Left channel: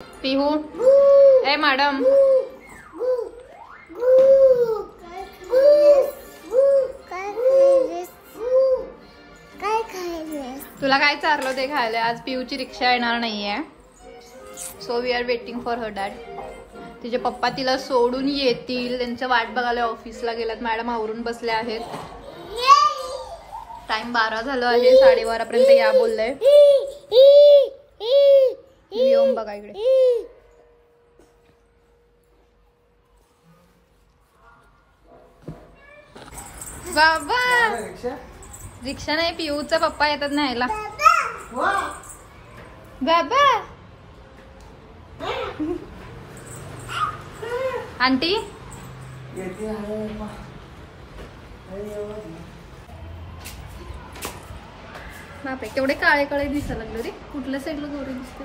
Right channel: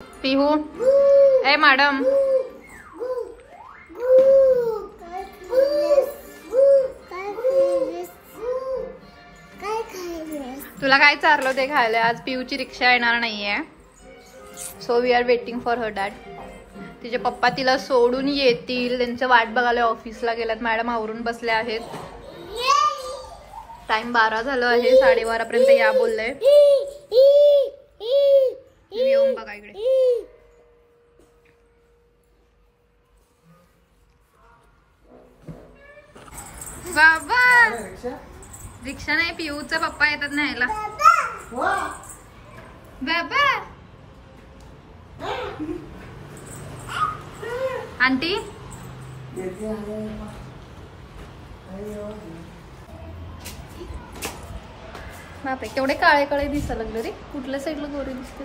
पिहू ए madam तुला काय चारलं ते खायला. आज पिऊची रिक्षा येणार नाहीये, so we are waiting for her dad. तिचे पप्पा तिला सोडून येतील, त्यांचं वाट बघायला ऑफिसला गेल्यात. मॅडम आवरून बसले आहेत. टाइम 12 झालं आहे, 12:30 पर्यंत या बोलले. येऊन बघा इकडे. बाबा रिक्षा नाही, पिऊचा पप्पा येतात न्यायला. बाबा आंटी बापरे केवढे काळे काळे दिसायला लागले रे. कुठल्या साईडला गोरे दिसते.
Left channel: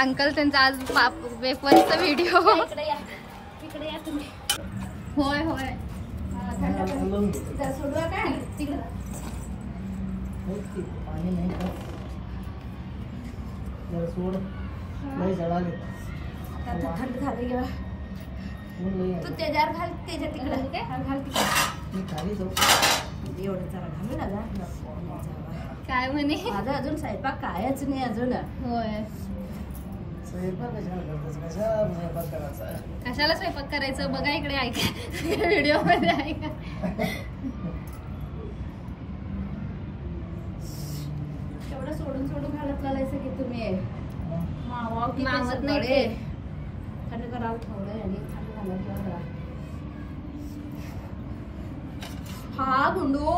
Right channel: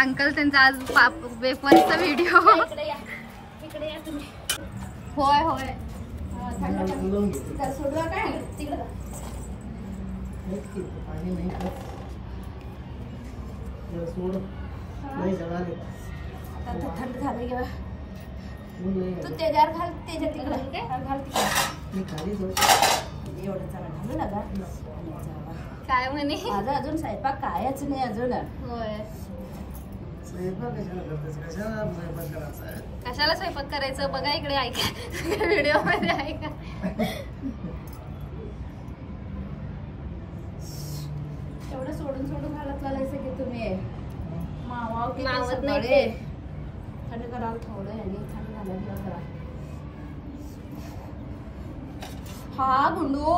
अंकल त्यांचा आज वेफरचा व्हिडिओ. इकडे या तुम्ही. होय होय तू त्याच्यावर घाल, त्याच्या तिकडे घाल. काय म्हणे माझं अजून स्वयंपाक कायच नाही अजून. होय कशाला स्वयंपाक करायचं बघा इकडे. ऐका व्हिडिओ मध्ये ऐका. तेवढं सोडून सोडून घालत घालायचं की तुम्ही. मावा किती सगळे थंड करावं थोडं आणि थंड घालायचं. हा गुंडू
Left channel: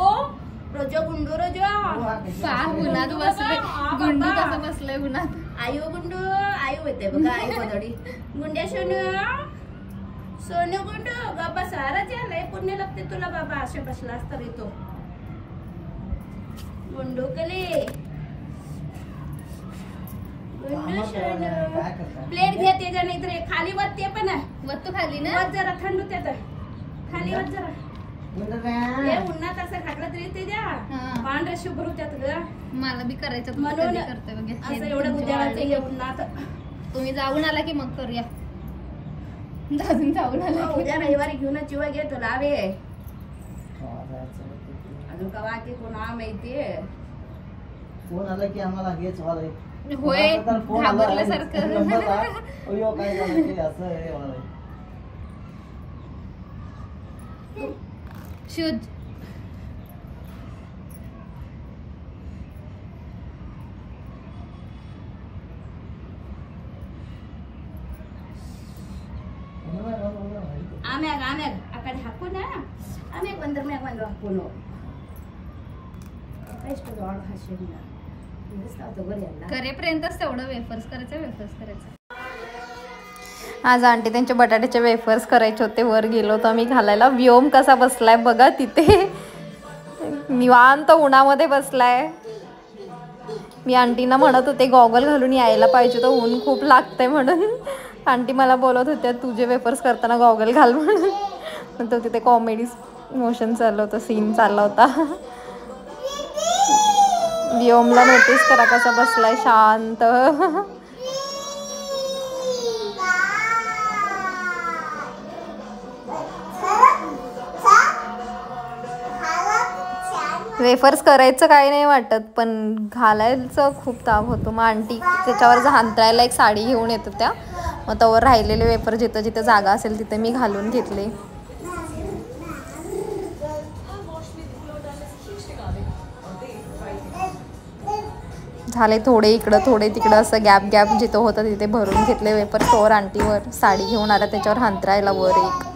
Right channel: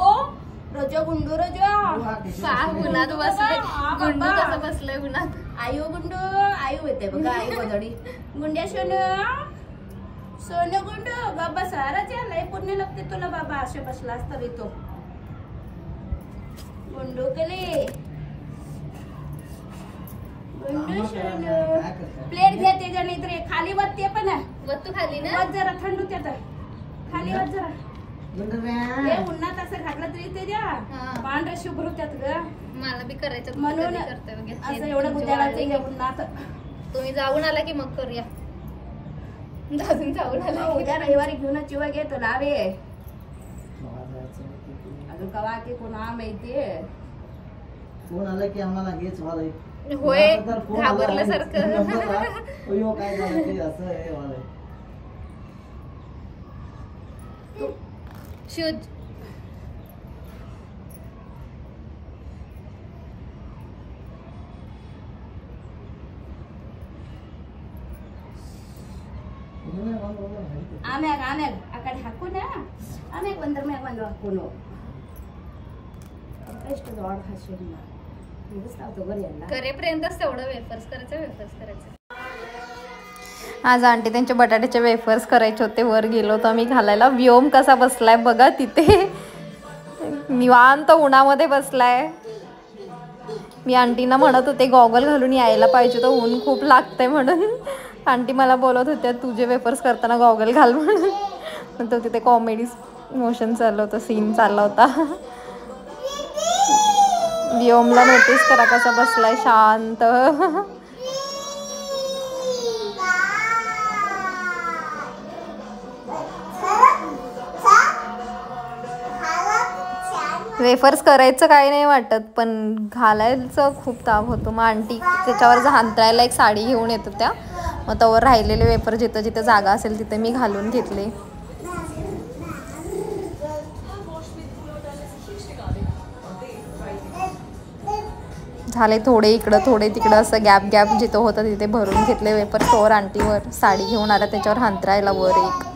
रोजा गुंडू रोजा उन्हात बसले. गुंडू कसं बसलंय उन्हात. आयु गुंडू आयु येते बघा. आई बदडी गुंड्या सोनू सोनू गुंडू बाबा सारा लय पुण्य लागते तुला बाबा. असे बसलास तरी तो गुंडू कले गुंडू सोनू. प्लेट घ्या त्याच्या नाही तर खाली वत. ते पण वत खाली ना वत जरा थंड होते तर खाली वत जरा. हे उन्हात असं घातलं तरी ते द्या पांढरे शुभ्र होत्यात ग. मला बी करायचं म्हणून असं एवढं उद्याचं हे उन्हात. तुम्ही जाऊन आला की मग करूया. अजून जाऊन आला उद्या रविवारी घेऊन चिवा घे तुला रे. अजून कवा की कोणा माहितीये कोण आलं की आम्हाला हेच वालय. होय घाबरल्यासारखं. अयो काय झालं ते असं आहे वालय. शुद्ध आम्याग आम्याग अकडे हाकू ना. आम्याग बंदर म्याग बंदर हाकू नो. करेपर्यंतच तेवढं वेफर्स करायचं. आज आंटी त्यांच्या बटाट्याचे वेफर्स करायचे होते. वर गेलो तर आम्ही घालायला. व्योम कसा बसलाय बघा तिथे. निवांत उन्हामध्ये बसलाय. मी आंटीना म्हणत होते गॉगल घालून यायला पाहिजे तर ऊन खूप लागतंय म्हणून. आंटी मला बोलत होत्या तुझे वेफर्स करताना गॉगल घाल म्हणून. तो तिथे कॉमेडी मोशन चाललं होतं, सीन चालला होता. व्योमला नोटीस करा कसा बसलाय शांत. वेफर्स करायचं काही नाही वाटत पण घालायचं खूप ताप होतो. मग आंटी त्याच्यावर हांतरायला एक साडी घेऊन येत होत्या. मग त्यावर राहिलेले वेफर जिथं जिथं जागा असेल तिथे मी घालून घेतले. झाले थोडे इकडं थोडे तिकडं असं गॅप गॅप जिथं होतं तिथे भरून घेतले वेफर. तोवर आंटीवर साडी घेऊन आला त्याच्यावर हांतरायला वर एक.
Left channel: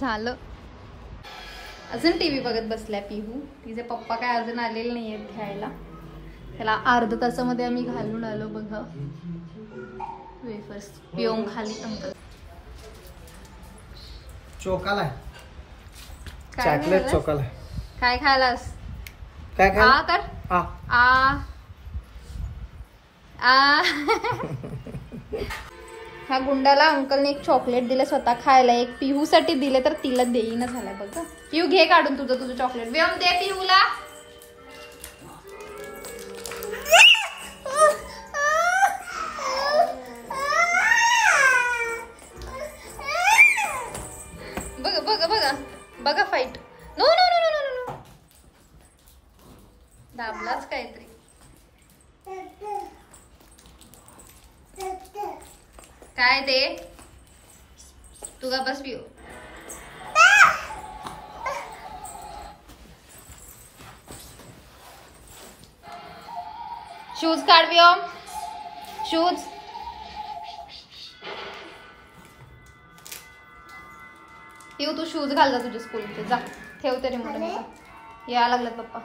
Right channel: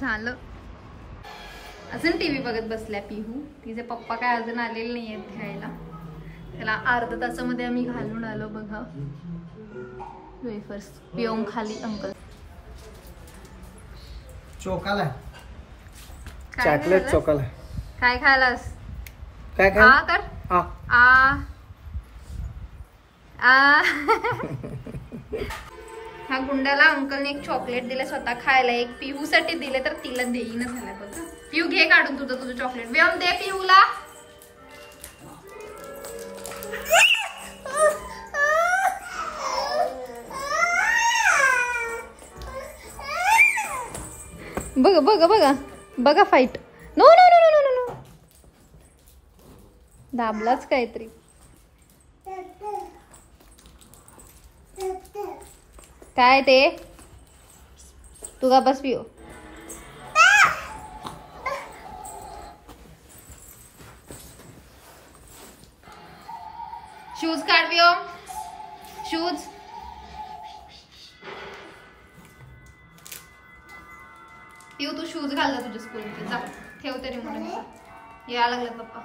झालं. अजून टीव्ही बघत बसल्या पिहू. तिचे पप्पा काय अजून आलेले नाहीयेत घ्यायला. त्याला अर्ध्या तासामध्ये आम्ही घालून आलो बघा वेफर्स. पिओम खाली अंकल चोकाला चॉकलेट चोकाला. काय खायलास? काय काय आ कर आ आ. ह्या गुंडाला अंकलने एक चॉकलेट दिले स्वतः खायला, एक पिहूसाठी दिले तर तिला देईना झालाय बघा. पिहू घे काढून तुझं चॉकलेट. व्योम दे पिहूला. बघा बघा बघा बघा fight. No no no no no no. दाबलाच काहीतरी. काय ते तुगा बस पिओ. शूज काढ पिओ. शूज. पिओ तू शूज घाल जा तुझ्या स्कूलमध्ये. जा ठेव तरी मला. या लागला पप्पा.